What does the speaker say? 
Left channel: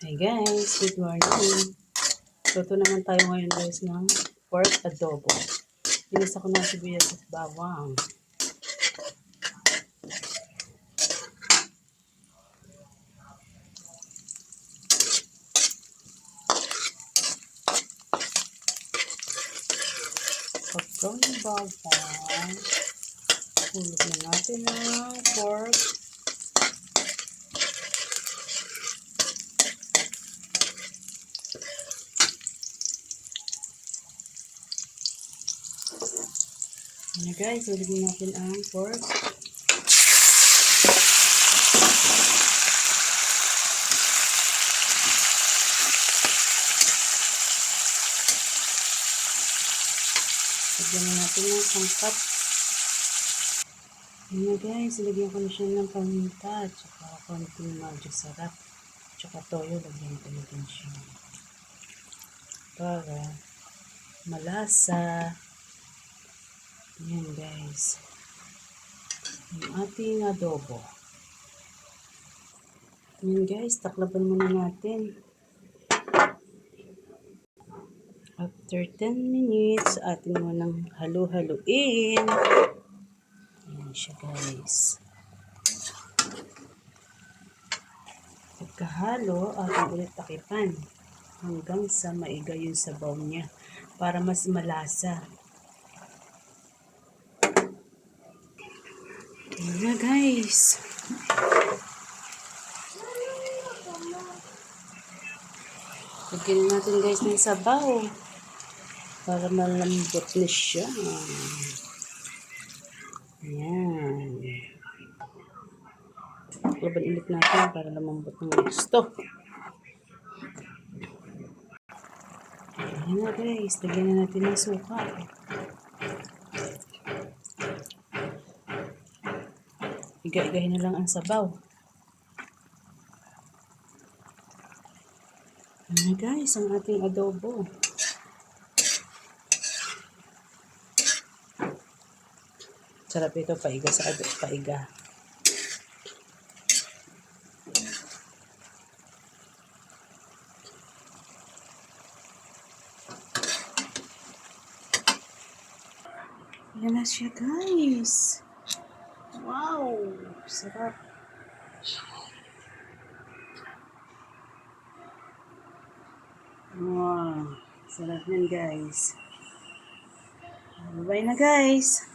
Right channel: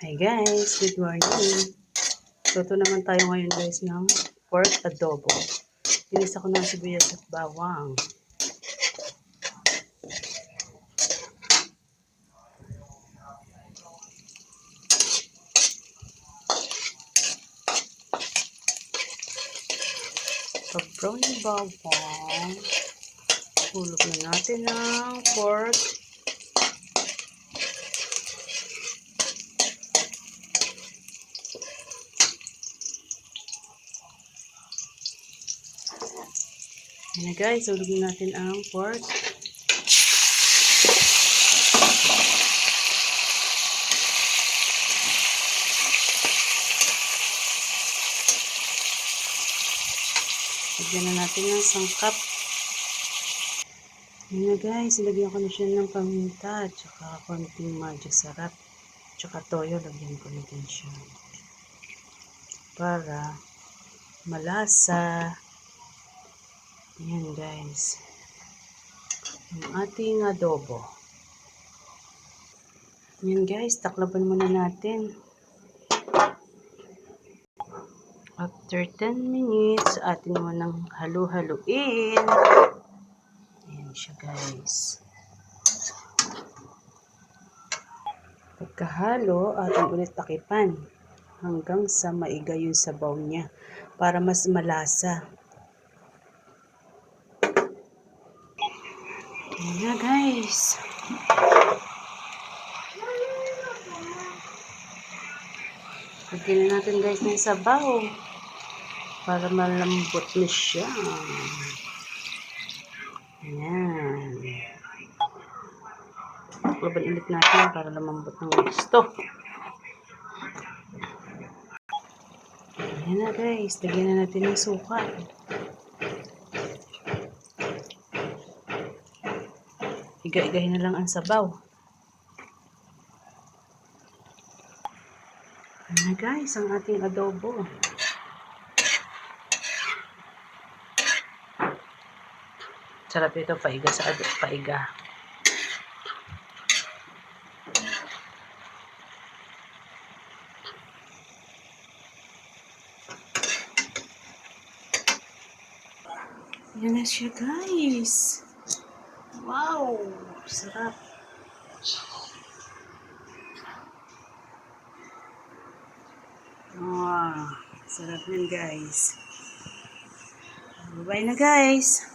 Hi guys, good morning. Luto naman tayo ngayon guys ng pork adobo. Inisa ko ng sibuyas at bawang. Pag-brown yung bawang, hulog na natin ng pork. Yan na guys, hulog na natin ang pork. Lagyan na natin ng sangkap. Yan na guys, ilagyan ko na siya ng paminta at saka konting magic sarap. Tsaka toyo, lagyan ko na din siya. Para malasa. Yan guys. Yung ating adobo. Yan guys, taklaban muna natin. After 10 minutes, atin mo nang halu-haluin. Ayan siya guys. Pagkahalo, atin ulit takipan hanggang sa maiga yung sabaw niya para mas malasa. Ayan na guys. Lagyan na natin guys ng sabaw para malambot na siya. Ayan. Laban ulit natin para lumambot ng gusto. Ayan na guys. Lagyan na natin ng suka. Iga-igahin na lang ang sabaw. Ayan na guys, ang ating adobo. Sarap ito, paiga sa paiga. Yan na siya guys. Wow! Sarap. Wow! Sarap yan guys. Bye-bye na guys.